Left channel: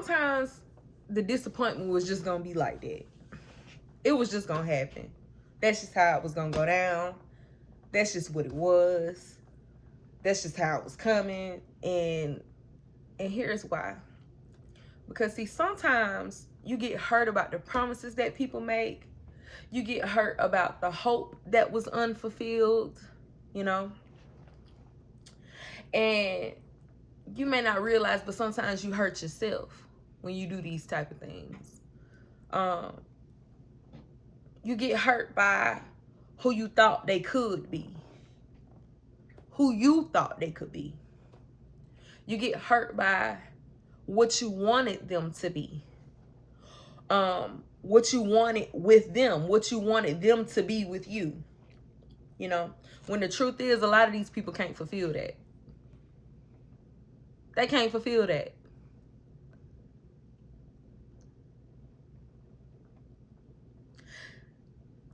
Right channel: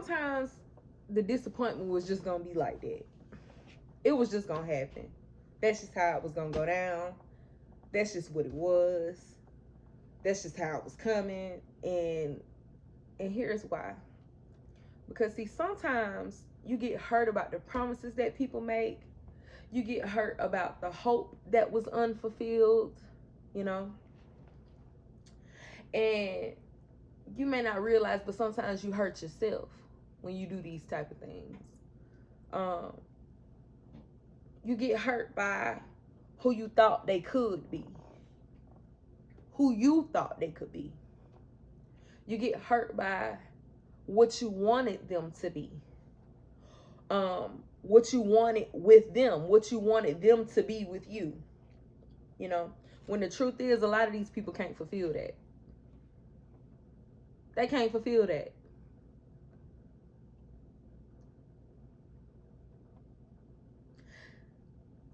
sometimes the disappointment was just gonna be like that. It was just gonna happen. That's just how it was gonna go down. That's just what it was. That's just how it was coming. And here's why. Because see, sometimes you get hurt about the promises that people make. You get hurt about the hope that was unfulfilled, you know. And you may not realize, but sometimes you hurt yourself when you do these type of things. You get hurt by who you thought they could be, who you thought they could be. You get hurt by what you wanted them to be, what you wanted with them, what you wanted them to be with you. You know, when the truth is, a lot of these people can't fulfill that. They can't fulfill that.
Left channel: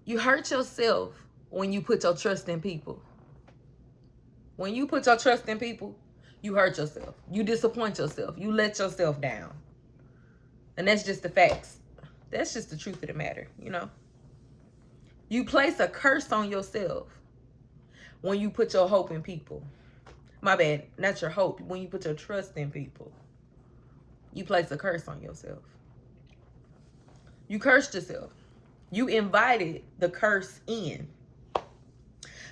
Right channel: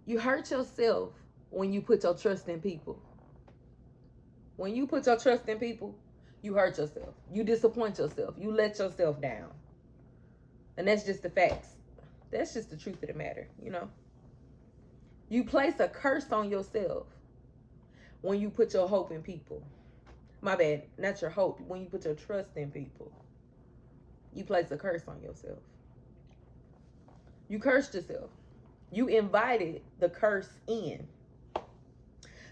You hurt yourself when you put your trust in people. When you put your trust in people, you hurt yourself. You disappoint yourself. You let yourself down. And that's just the facts. That's just the truth of the matter, you know. You place a curse on yourself when you put your hope in people. My bad, not your hope. When you put your trust in people, you place a curse on yourself. You cursed yourself. You invited the curse in.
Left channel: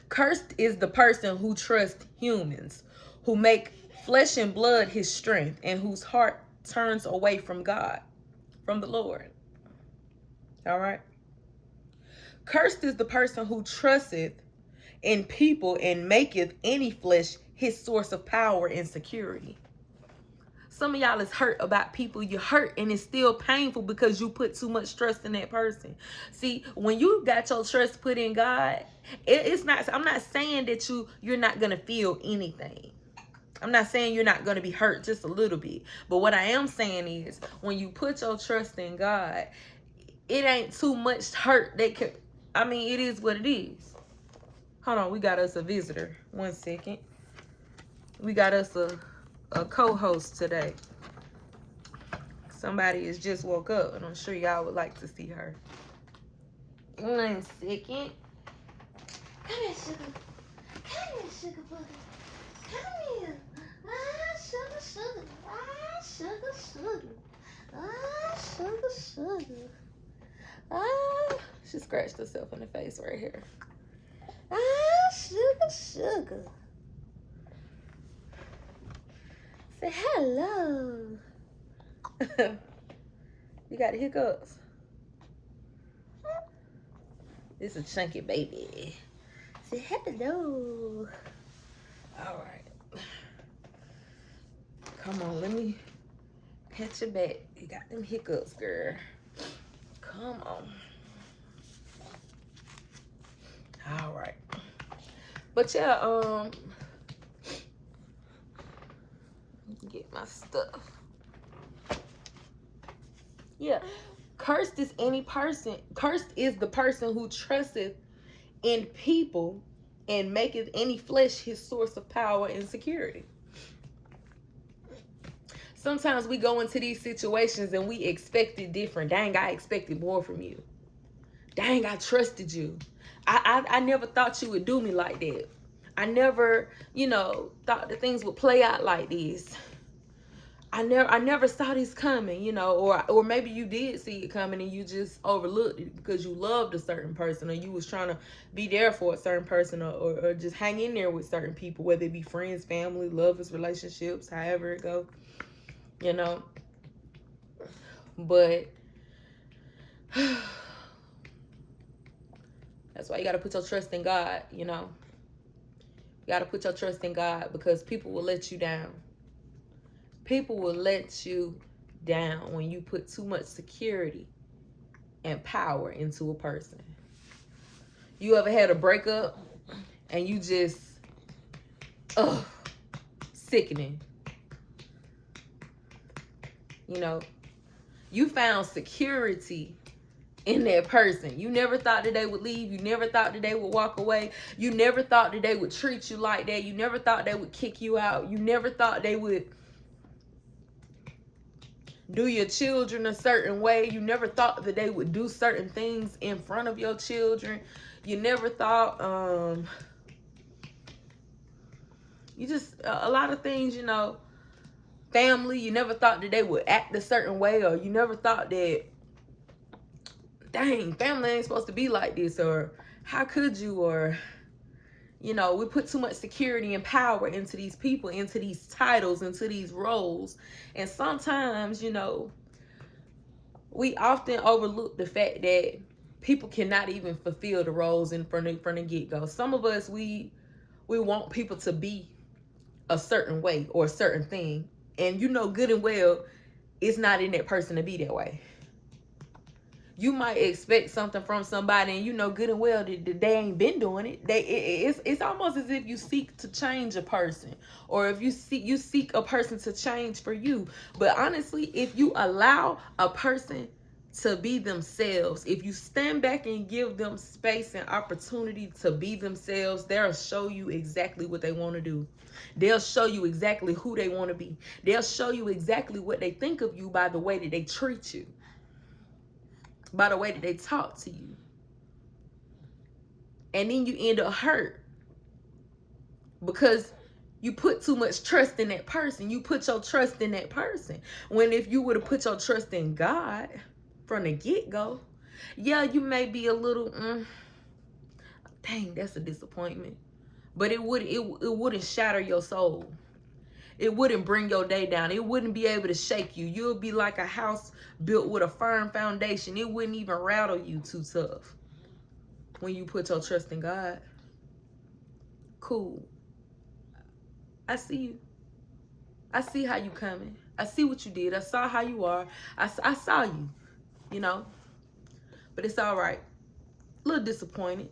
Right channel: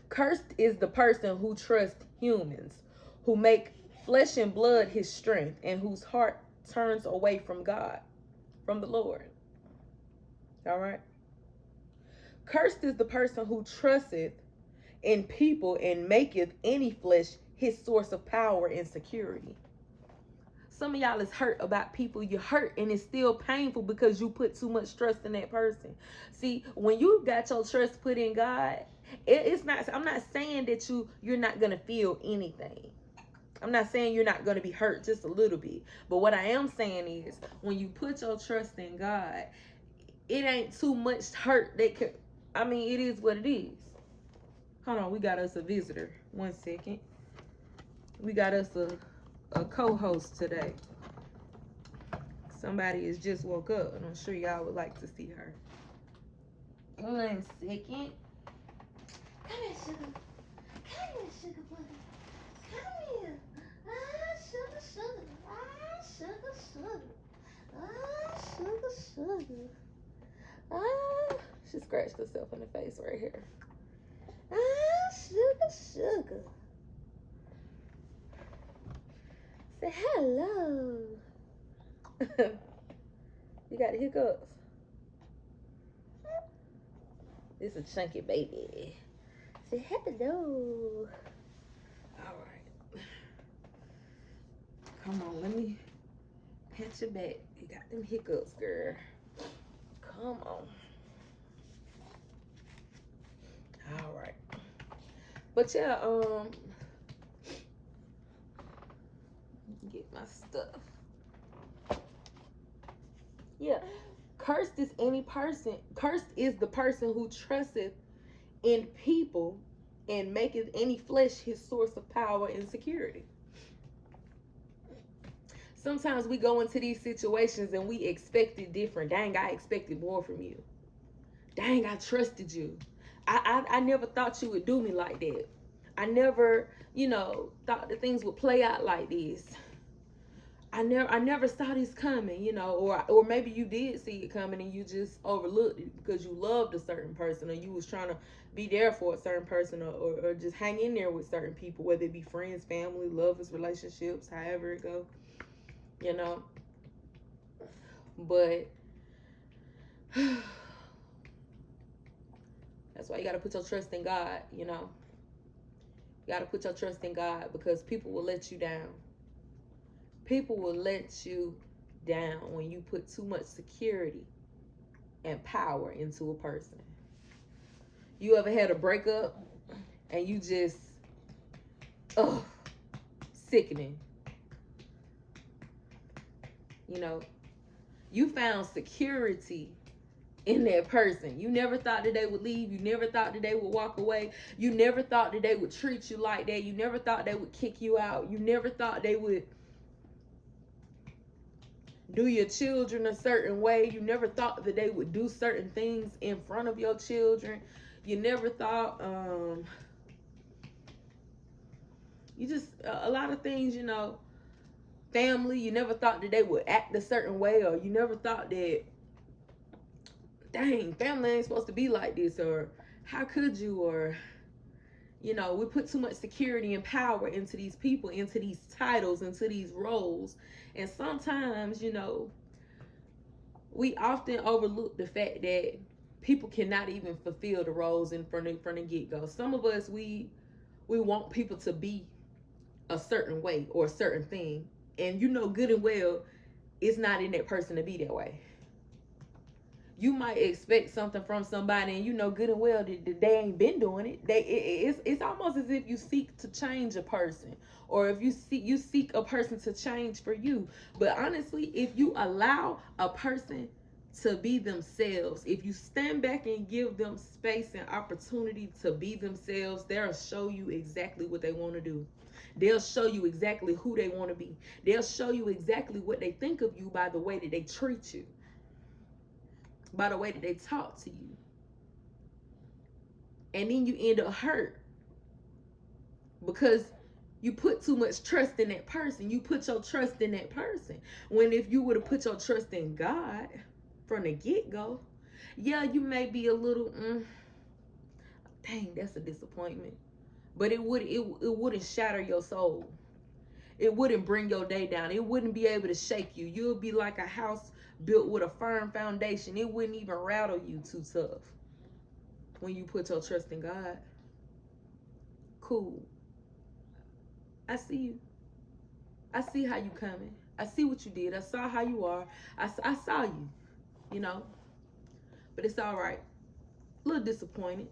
Cursed is the person who trusts humans, who make flesh and blood his strength, and whose heart turns away from God, from the Lord. All right? Cursed is the person who trusteth in people and maketh any flesh his source of power and security. Some of y'all is hurt about people. You're hurt and it's still painful because you put too much trust in that person. See, when you got your trust put in God, it's not, I'm not saying that you're not going to feel anything. I'm not saying you're not going to be hurt just a little bit. But what I am saying is when you put your trust in God, it ain't too much hurt that could, I mean, it is what it is. Hold on, we got us a visitor. 1 second. We got us a co-host today. Somebody has just woke up, and I'm sure y'all would like to see her. 1 second. Come here, sugar. Come here, sugar butter. Come here. Ah, sugar, sugar. Ah, sugar, sugar. Ah, sugar, sugar. Ah, she scratched herself in the face right here. Ah, sugar, sugar. Say hello. You got the hiccups. This is a chunky baby. Say hello. All right. Come on, let me pat your back. You got them hiccups, girl. Come on. All right. But yeah, get my stuff. Yeah. Cursed is any person. Cursed is the person who trusteth in people and maketh any flesh his source of power and security. Sometimes we go into these situations and we expected different. Dang, I expected more from you. Dang, I trusted you. I never thought you would do me like that. I never, thought that things would play out like this. I never saw this coming, or maybe you did see it coming and you just overlooked it because you loved a certain person, or you was trying to be there for a certain person, or just hang in there with certain people, whether it be friends, family, lovers, relationships, however it go, But that's why you got to put your trust in God, You got to put your trust in God because people will let you down. People will let you down when you put too much security and power into a person. You ever had a breakup and you just, sickening. You found security in that person. You never thought that they would leave. You never thought that they would walk away. You never thought that they would treat you like that. You never thought they would kick you out. You never thought they would do your children a certain way. You never thought that they would do certain things in front of your children. You never thought, you just, a lot of things, you know, family, you never thought that they would act a certain way, or you never thought that, dang, family ain't supposed to be like this, or how could you, or, you know, we put too much security and power into these people, into these titles, into these roles. And sometimes, you know, we often overlook the fact that people cannot even fulfill the roles in from the get-go. Some of us, we want people to be a certain way or a certain thing. And you know good and well it's not in that person to be that way. You might expect something from somebody, and you know good and well that they ain't been doing it. It's almost as if you seek to change a person, or if you seek a person to change for you. But honestly, if you allow a person to be themselves, if you stand back and give them space and opportunity to be themselves, they'll show you exactly what they want to do. They'll show you exactly who they want to be. They'll show you exactly what they think of you by the way that they treat you, by the way that they talk to you. And then you end up hurt because you put too much trust in that person. You put your trust in that person. When if you would have put your trust in God from the get-go, yeah, you may be a little, dang, that's a disappointment. But it wouldn't shatter your soul. It wouldn't bring your day down. It wouldn't be able to shake you. You'll be like a house built with a firm foundation. It wouldn't even rattle you too tough when you put your trust in God. Cool. I see you. I see how you coming. I see what you did. I saw how you are. I saw you, you know. But it's all right. A little disappointed.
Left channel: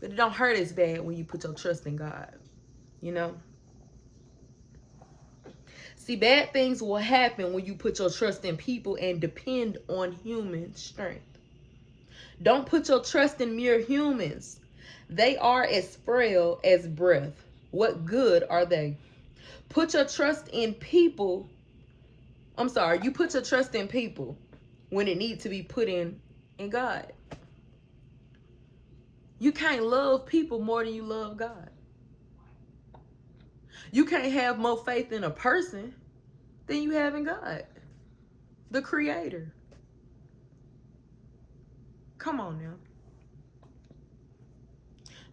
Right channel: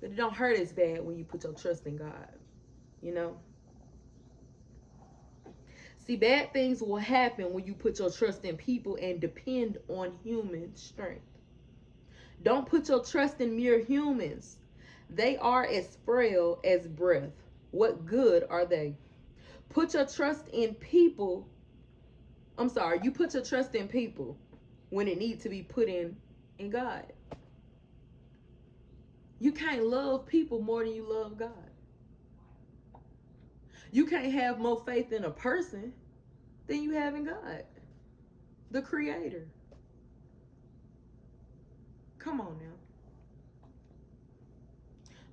But it don't hurt as bad when you put your trust in God, you know. See, bad things will happen when you put your trust in people and depend on human strength. Don't put your trust in mere humans. They are as frail as breath. What good are they? Put your trust in people. I'm sorry, you put your trust in people when it needs to be put in God. You can't love people more than you love God. You can't have more faith in a person than you have in God, the creator. Come on now.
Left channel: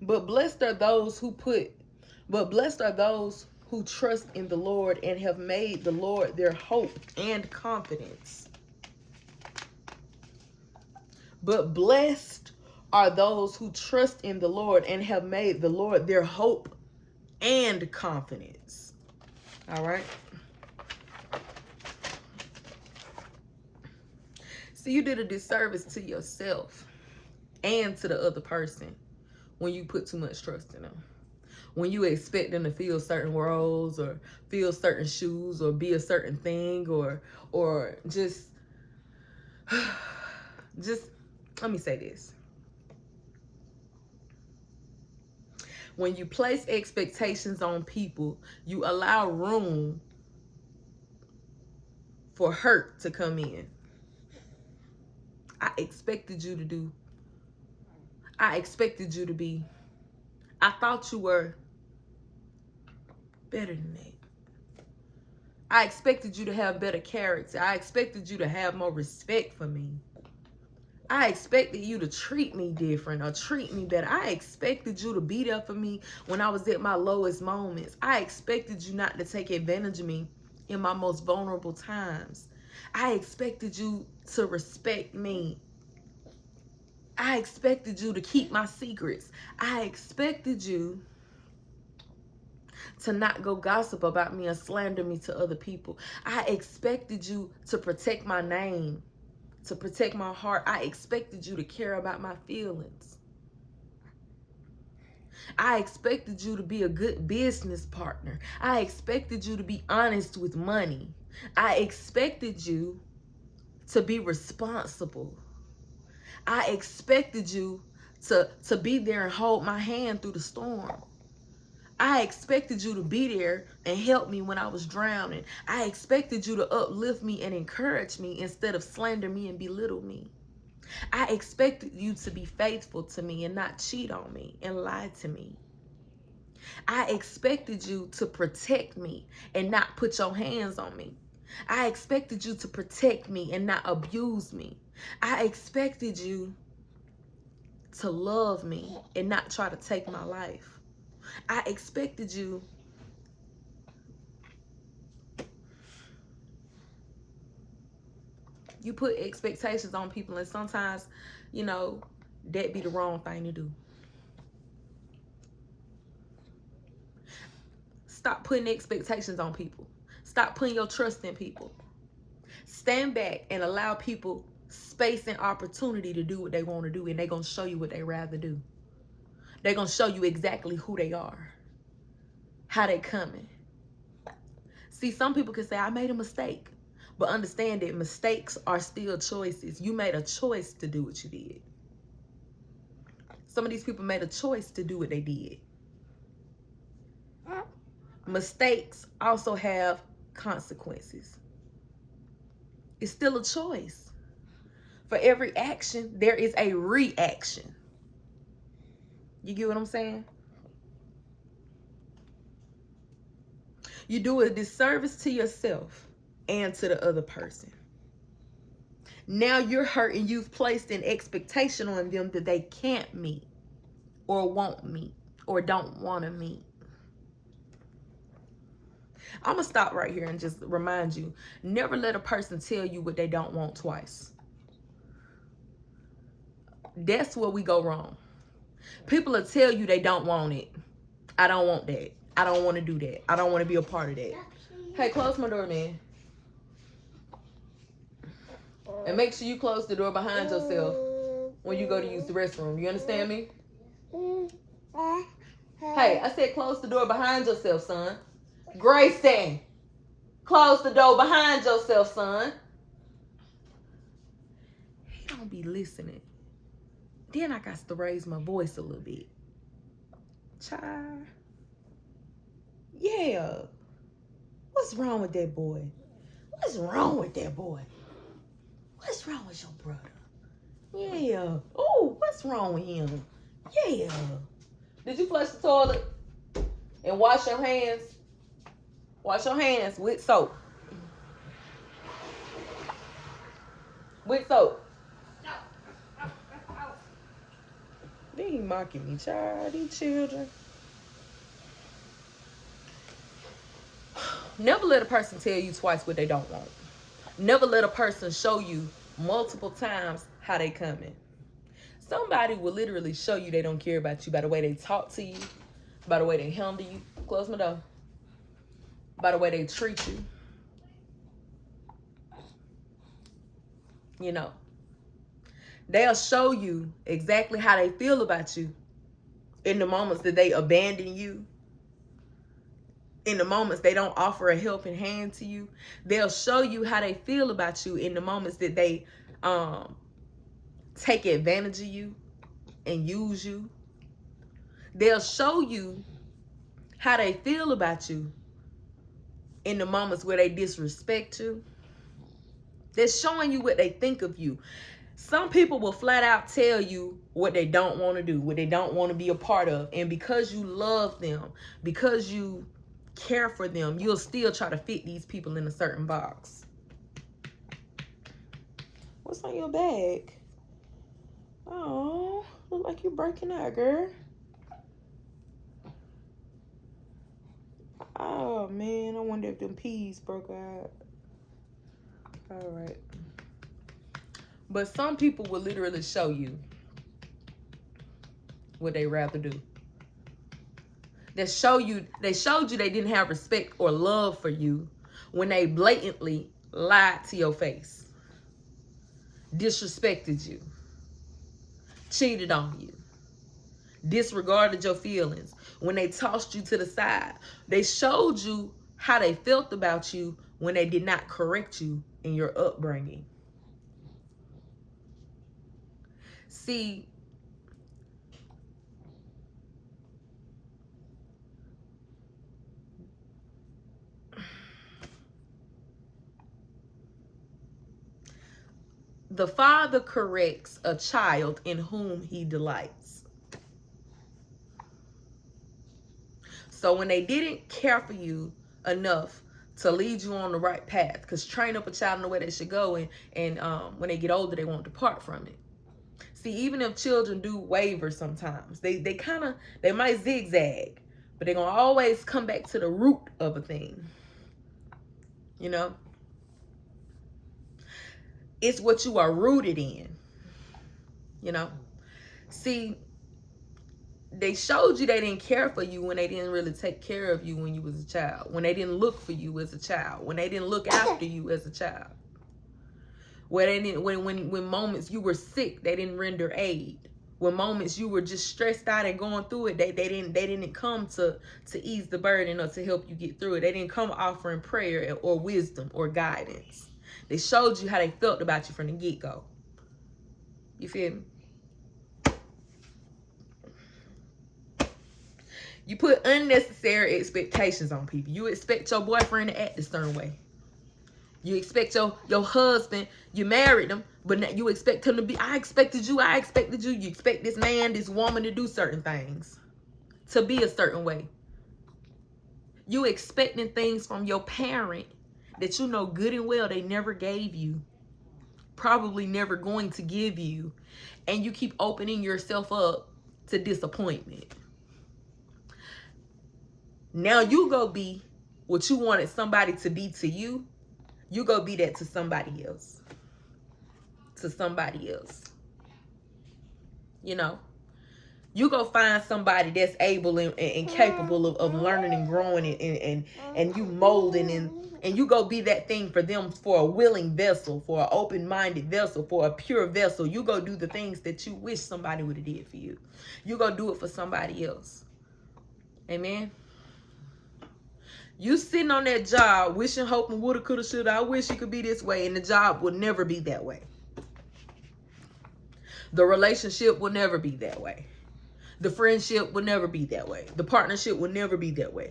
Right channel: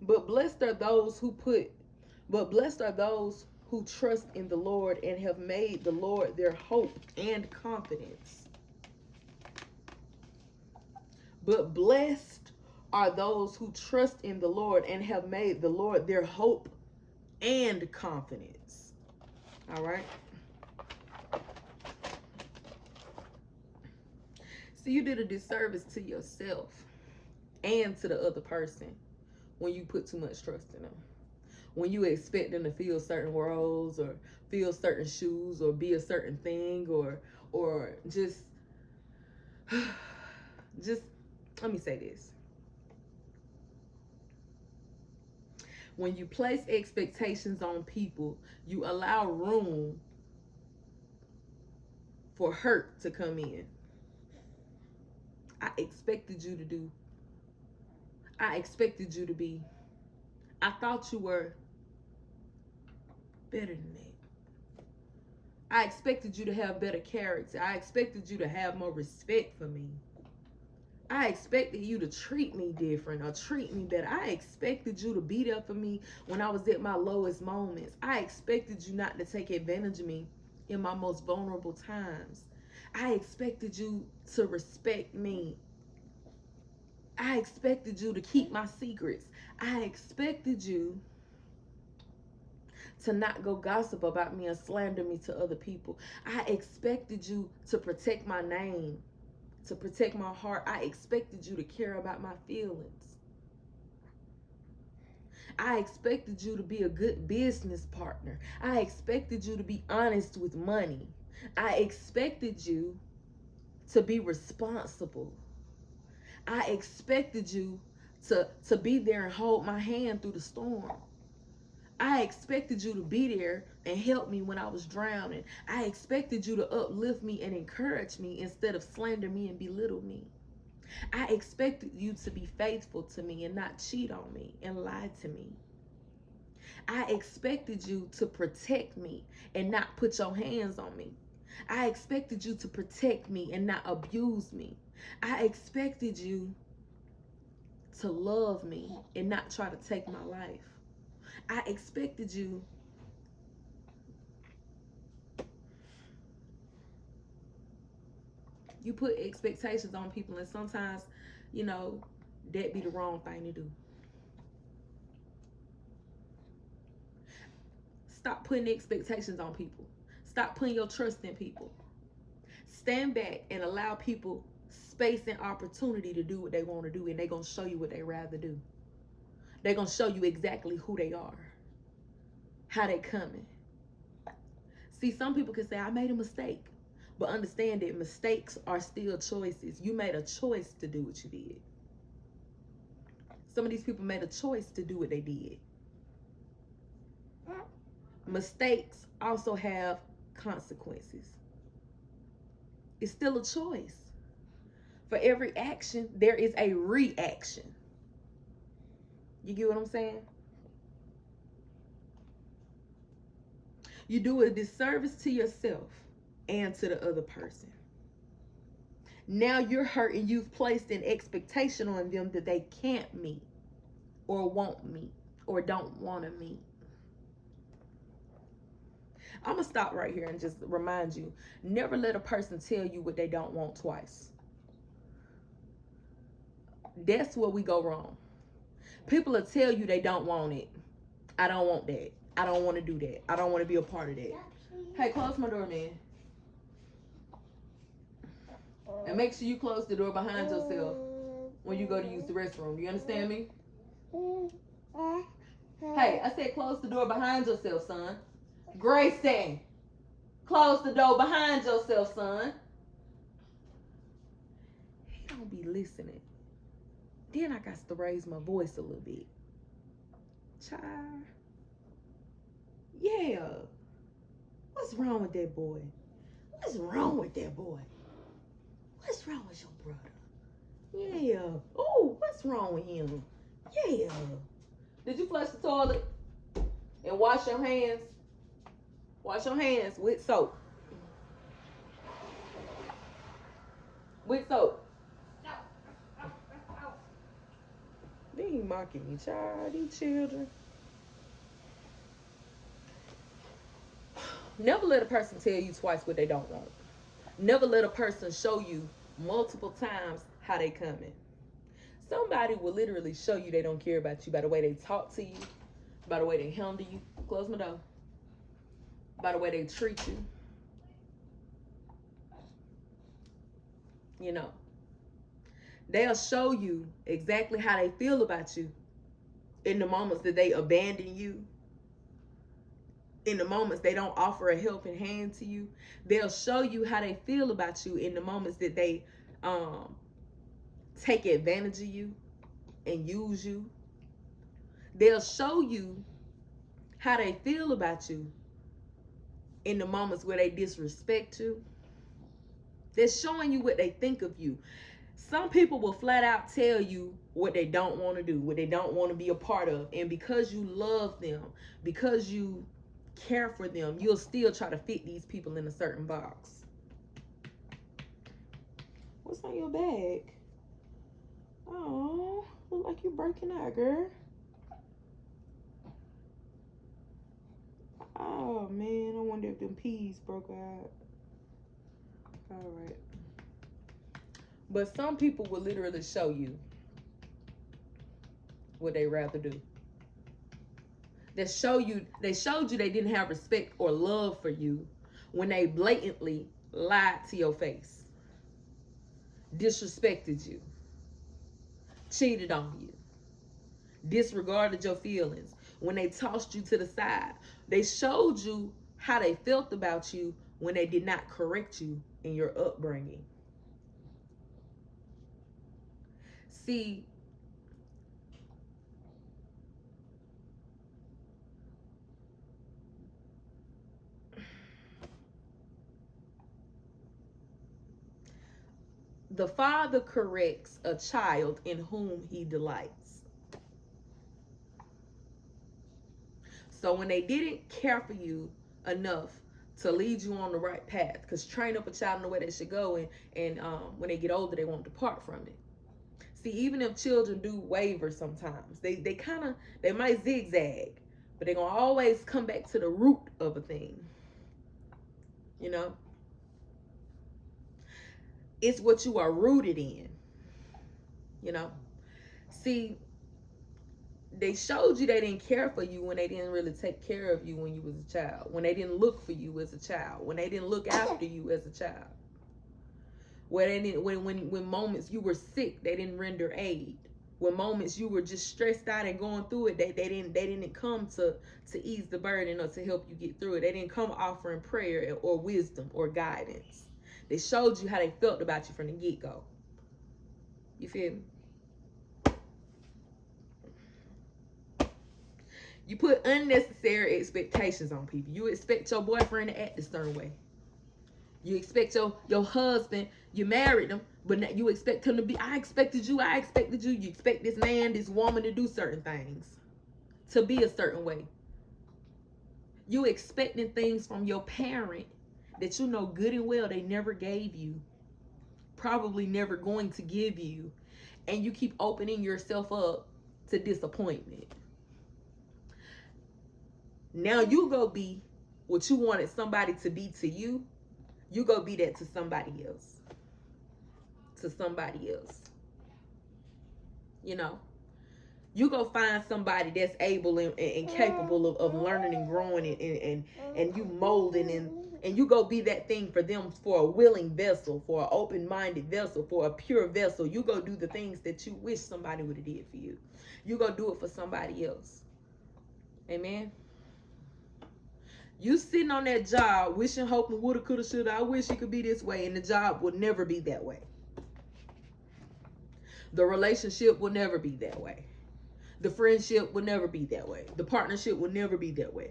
But blessed are those who put, but blessed are those who trust in the Lord and have made the Lord their hope and confidence. But blessed are those who trust in the Lord and have made the Lord their hope and confidence. All right. See, you did a disservice to yourself and to the other person when you put too much trust in them. When you expect them to fill certain roles or fill certain shoes or be a certain thing or just let me say this. When you place expectations on people, you allow room for hurt to come in. I expected you to do. I expected you to be. I thought you were better than that. I expected you to have better character. I expected you to have more respect for me. I expected you to treat me different or treat me better. I expected you to be there for me when I was at my lowest moments. I expected you not to take advantage of me in my most vulnerable times. I expected you to respect me. I expected you to keep my secrets. I expected you to not go gossip about me or slander me to other people. I expected you to protect my name, to protect my heart. I expected you to care about my feelings. I expected you to be a good business partner. I expected you to be honest with money. I expected you to be responsible. I expected you to be there and hold my hand through the storm. I expected you to be there and help me when I was drowning. I expected you to uplift me and encourage me instead of slander me and belittle me. I expected you to be faithful to me and not cheat on me and lie to me. I expected you to protect me and not put your hands on me. I expected you to protect me and not abuse me. I expected you to love me and not try to take my life. I expected you put expectations on people, and sometimes, you know, that be the wrong thing to do. Stop putting expectations on people. Stop putting your trust in people. Stand back and allow people space and opportunity to do what they want to do, and they're going to show you what they rather do. They're going to show you exactly who they are, how they coming. See, some people can say, I made a mistake. But understand that mistakes are still choices. You made a choice to do what you did. Some of these people made a choice to do what they did. Mistakes also have consequences. It's still a choice. For every action, there is a reaction. You get what I'm saying? You do a disservice to yourself and to the other person. Now you're hurt and you've placed an expectation on them that they can't meet or won't meet or don't want to meet. I'm going to stop right here and just remind you, never let a person tell you what they don't want twice. That's where we go wrong. People will tell you they don't want it. I don't want that. I don't want to do that. I don't want to be a part of that. Hey, close my door, man. And make sure you close the door behind yourself when you go to use the restroom. You understand me? Hey, I said close the door behind yourself, son. Grayson, close the door behind yourself, son. He don't be listening. Then I got to raise my voice a little bit. Child. Yeah. What's wrong with that boy? What's wrong with that boy? What's wrong with your brother? Yeah. Oh, what's wrong with him? Yeah. Did you flush the toilet? And wash your hands? Wash your hands with soap. With soap. They ain't mocking me, child. These children. Never let a person tell you twice what they don't want. Never let a person show you multiple times how they coming. Somebody will literally show you they don't care about you by the way they talk to you, by the way they handle you. Close my door. By the way they treat you. You know. They'll show you exactly how they feel about you in the moments that they abandon you. In the moments they don't offer a helping hand to you. They'll show you how they feel about you in the moments that they take advantage of you and use you. They'll show you how they feel about you in the moments where they disrespect you. They're showing you what they think of you. Some people will flat out tell you what they don't want to do, what they don't want to be a part of. And because you love them, because you care for them, you'll still try to fit these people in a certain box. What's on your bag? Oh, look like you're breaking out, girl. Oh, man, I wonder if them peas broke out. All right. But some people will literally show you what they rather do. They showed you they didn't have respect or love for you when they blatantly lied to your face, disrespected you, cheated on you, disregarded your feelings. When they tossed you to the side, they showed you how they felt about you when they did not correct you in your upbringing. See, The father corrects a child in whom he delights. So when they didn't care for you enough to lead you on the right path, because train up a child in the way they should go, and when they get older, they won't depart from it. See, even if children do waver sometimes, they might zigzag, but they're gonna always come back to the root of a thing. You know, it's what you are rooted in. You know, see, they showed you they didn't care for you when they didn't really take care of you when you was a child, when they didn't look for you as a child, when they didn't look after you as a child, when they didn't, when moments you were sick, they didn't render aid. When moments you were just stressed out and going through it, they didn't come to ease the burden or to help you get through it. They didn't come offering prayer or wisdom or guidance. They showed you how they felt about you from the get-go. You feel me? You put unnecessary expectations on people. You expect your boyfriend to act a certain way. You expect your husband, you married him, but you expect him to be, I expected you. You expect this man, this woman to do certain things, to be a certain way. You expecting things from your parent that you know good and well they never gave you, probably never going to give you, and you keep opening yourself up to disappointment. Now you go be what you wanted somebody to be to you. You go be that to somebody else. To somebody else. You know, you go find somebody that's able and capable of learning and growing and you molding and you go be that thing for them, for a willing vessel, for an open-minded vessel, for a pure vessel. You go do the things that you wish somebody would have did for you. You go do it for somebody else. Amen. You sitting on that job wishing, hoping, woulda, coulda, shoulda, I wish it could be this way, and the job will never be that way. The relationship will never be that way. The friendship will never be that way. The partnership will never be that way.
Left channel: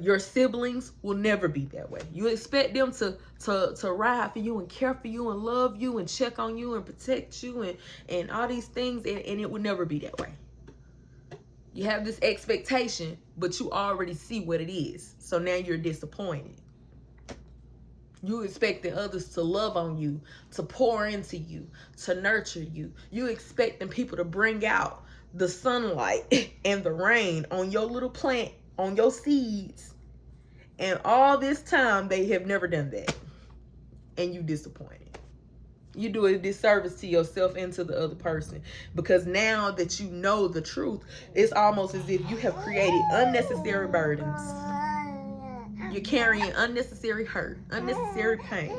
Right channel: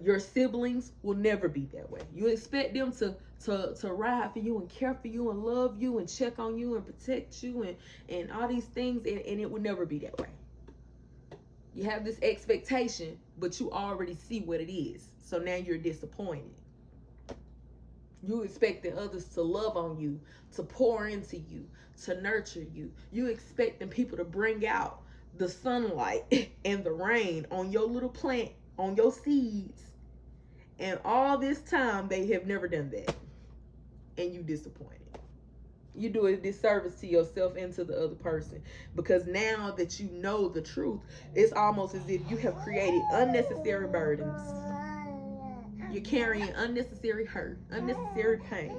Your siblings will never be that way. You expect them to ride for you and care for you and love you and check on you and protect you and all these things, and it will never be that way. You have this expectation, but you already see what it is. So now you're disappointed. You expecting others to love on you, to pour into you, to nurture you. You expecting people to bring out the sunlight and the rain on your little plant, on your seeds. And all this time, they have never done that. And you disappointed. You do a disservice to yourself and to the other person. Because now that you know the truth, it's almost as if you have created unnecessary burdens. You're carrying unnecessary hurt, unnecessary pain.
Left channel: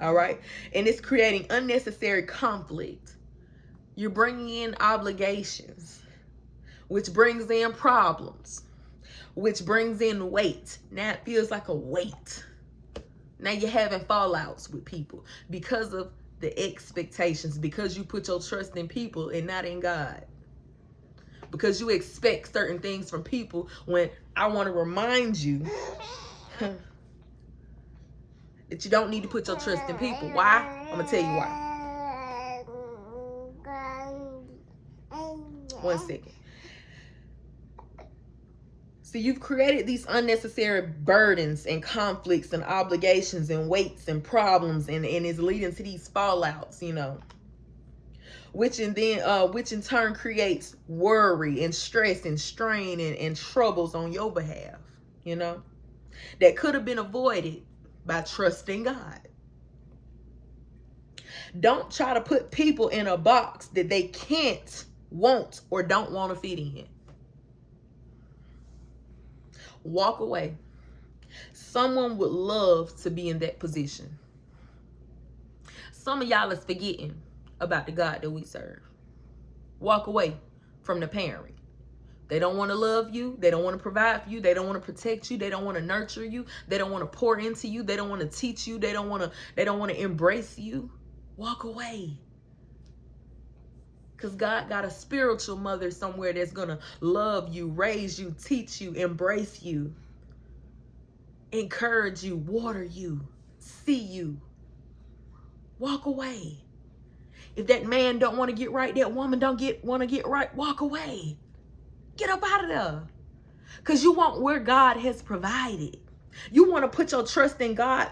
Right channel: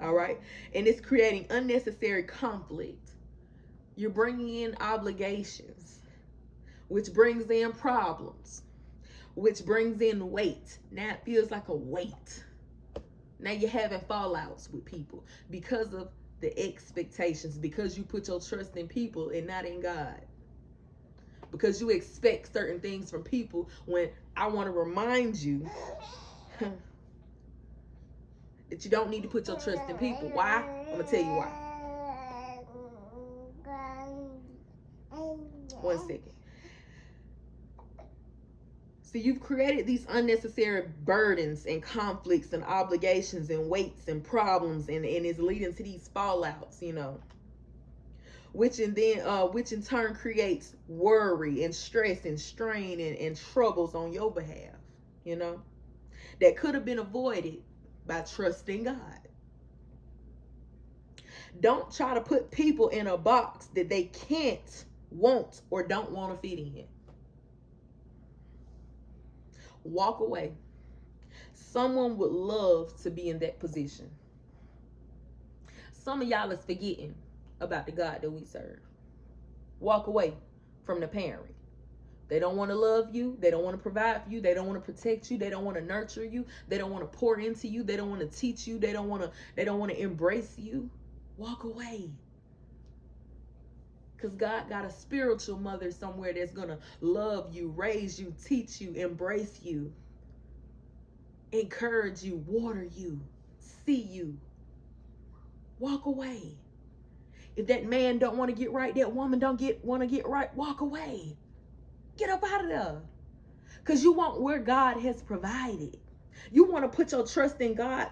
All right? And it's creating unnecessary conflict. You're bringing in obligations, which brings in problems, which brings in weight. Now it feels like a weight. Now you're having fallouts with people because of the expectations, because you put your trust in people and not in God. Because you expect certain things from people when I want to remind you that you don't need to put your trust in people. Why? I'm going to tell you why. 1 second. So you've created these unnecessary burdens and conflicts and obligations and weights and problems, and it's leading to these fallouts, you know. Which in turn creates worry and stress and strain and troubles on your behalf, you know, that could have been avoided by trusting God. Don't try to put people in a box that they can't, won't, or don't want to fit in. Walk away. Someone would love to be in that position. Some of y'all is forgetting about the God that we serve. Walk away from the parent. They don't want to love you. They don't want to provide for you. They don't want to protect you. They don't want to nurture you. They don't want to pour into you. They don't want to teach you. They don't want to embrace you. Walk away. Because God got a spiritual mother somewhere that's going to love you, raise you, teach you, embrace you, encourage you, water you, see you. walk away. If that man don't want to get right, that woman don't want to get right, walk away. Get up out of there. Because you want where God has provided. You want to put your trust in God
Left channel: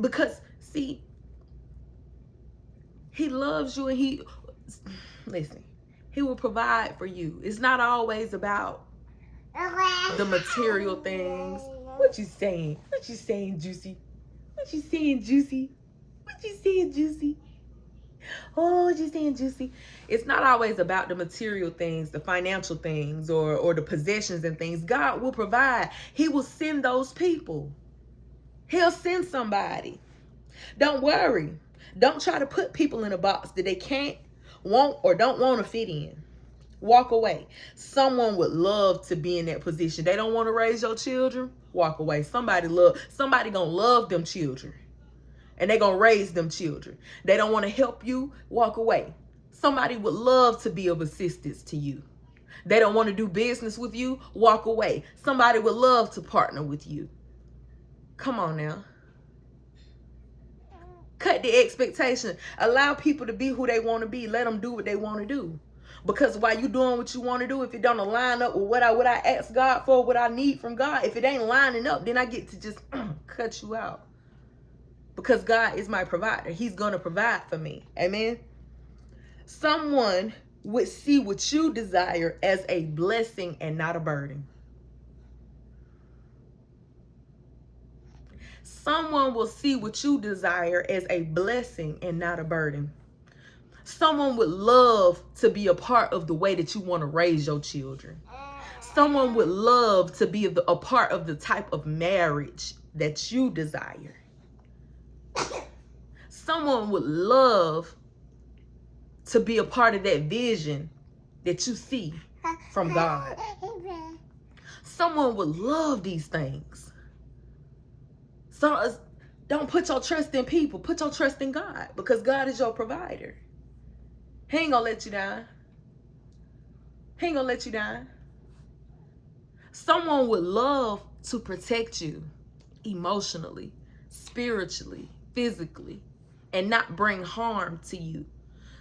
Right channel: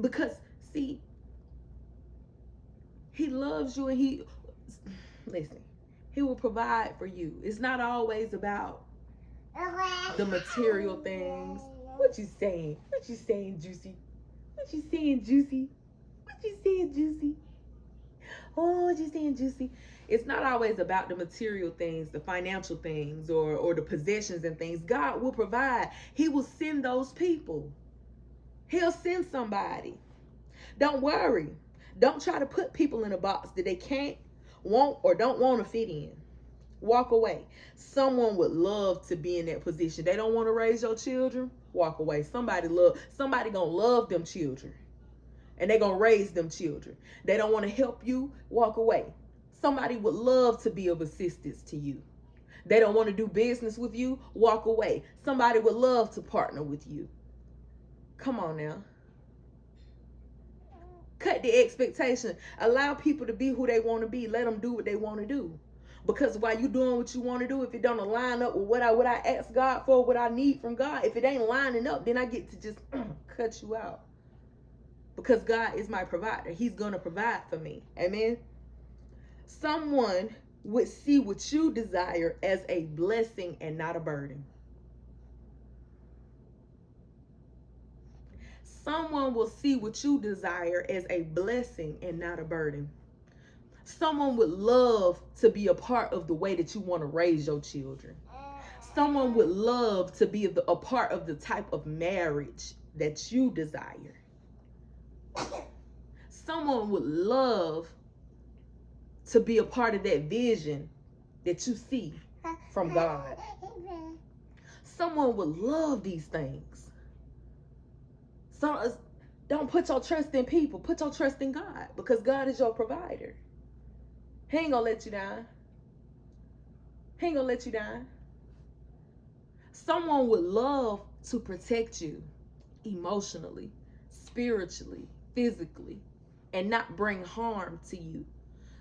because, see, he loves you and listen, he will provide for you. It's not always about the material things. What you saying? What you saying, Juicy? What you saying, Juicy? What you saying, Juicy? Oh, what you saying, Juicy? It's not always about the material things, the financial things, or the possessions and things. God will provide. He will send those people. He'll send somebody. Don't worry. Don't try to put people in a box that they can't, won't, or don't want to fit in. Walk away. Someone would love to be in that position. They don't want to raise your children. Walk away. Somebody gonna love them children. And they gonna raise them children. They don't want to help you. Walk away. Somebody would love to be of assistance to you. They don't want to do business with you. Walk away. Somebody would love to partner with you. Come on now. Cut the expectation. Allow people to be who they want to be. Let them do what they want to do. Because while you doing what you want to do, if it don't line up with what I ask God for, what I need from God, if it ain't lining up, then I get to just cut you out. Because God is my provider. He's going to provide for me. Amen. Someone would see what you desire as a blessing and not a burden. Someone will see what you desire as a blessing and not a burden. Someone would love to be a part of the way that you want to raise your children. Someone would love to be a part of the type of marriage that you desire. Someone would love to be a part of that vision that you see from God. Someone would love these things. So don't put your trust in people. Put your trust in God, because God is your provider. He ain't gonna let you down. He ain't gonna let you down. Someone would love to protect you emotionally, spiritually, physically, and not bring harm to you.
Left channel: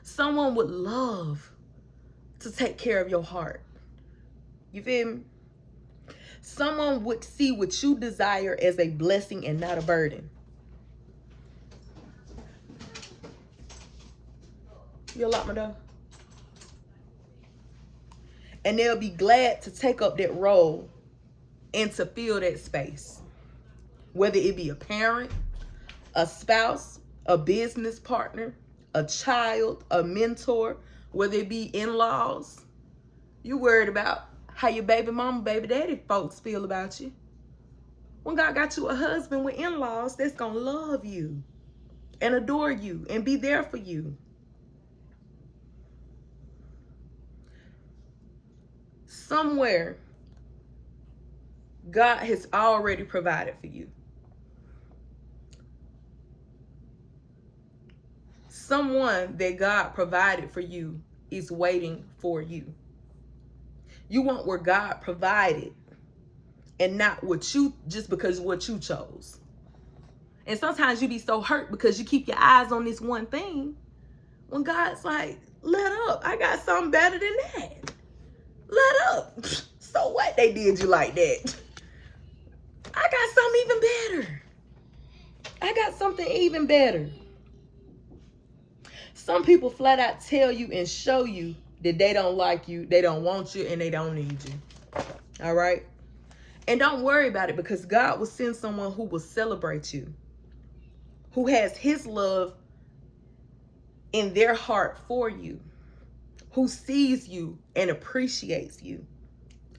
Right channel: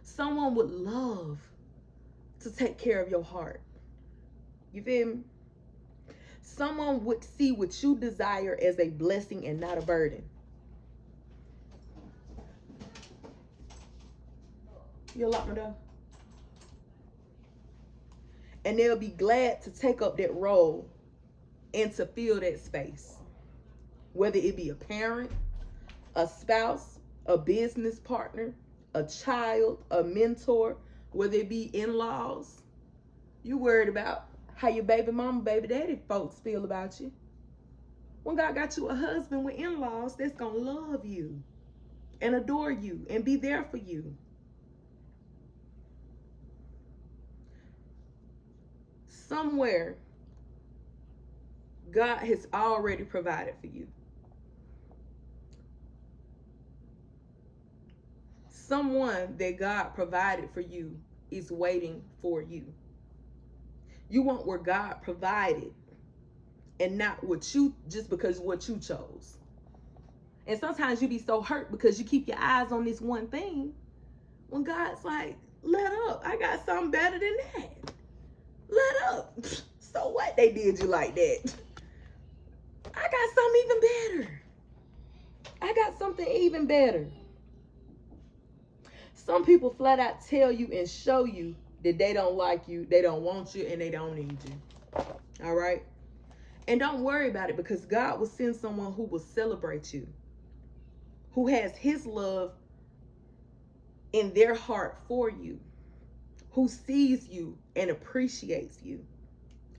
Someone would love to take care of your heart. You feel me? Someone would see what you desire as a blessing and not a burden. You lock my door? And they'll be glad to take up that role and to fill that space. Whether it be a parent, a spouse, a business partner, a child, a mentor, whether it be in-laws. You worried about how your baby mama, baby daddy folks feel about you. When God got you a husband with in-laws that's gonna love you and adore you and be there for you. Somewhere, God has already provided for you. Someone that God provided for you is waiting for you. You want where God provided and not what you, just because what you chose. And sometimes you be so hurt because you keep your eyes on this one thing, when God's like, let up. I got something better than that. Let up. So what they did you like that? I got something even better. I got something even better. Some people flat out tell you and show you that they don't like you, they don't want you, and they don't need you. All right? And don't worry about it, because God will send someone who will celebrate you, who has his love in their heart for you, who sees you and appreciates you,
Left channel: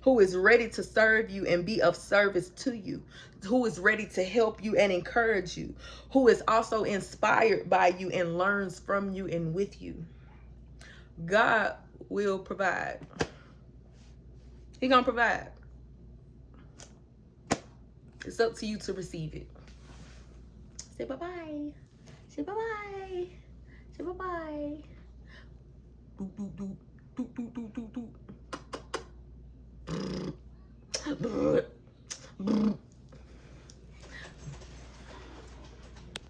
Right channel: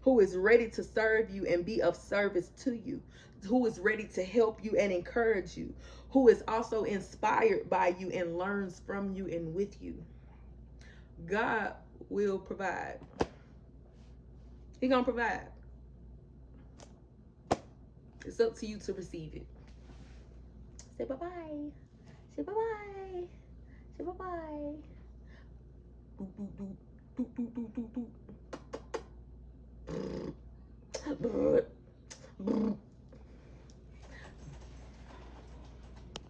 who is ready to serve you and be of service to you, who is ready to help you and encourage you, who is also inspired by you and learns from you and with you. God will provide. He gonna provide. It's up to you to receive it. Say bye-bye. Say bye-bye. Say bye-bye. Do, do, do. Do, do, do, do, do.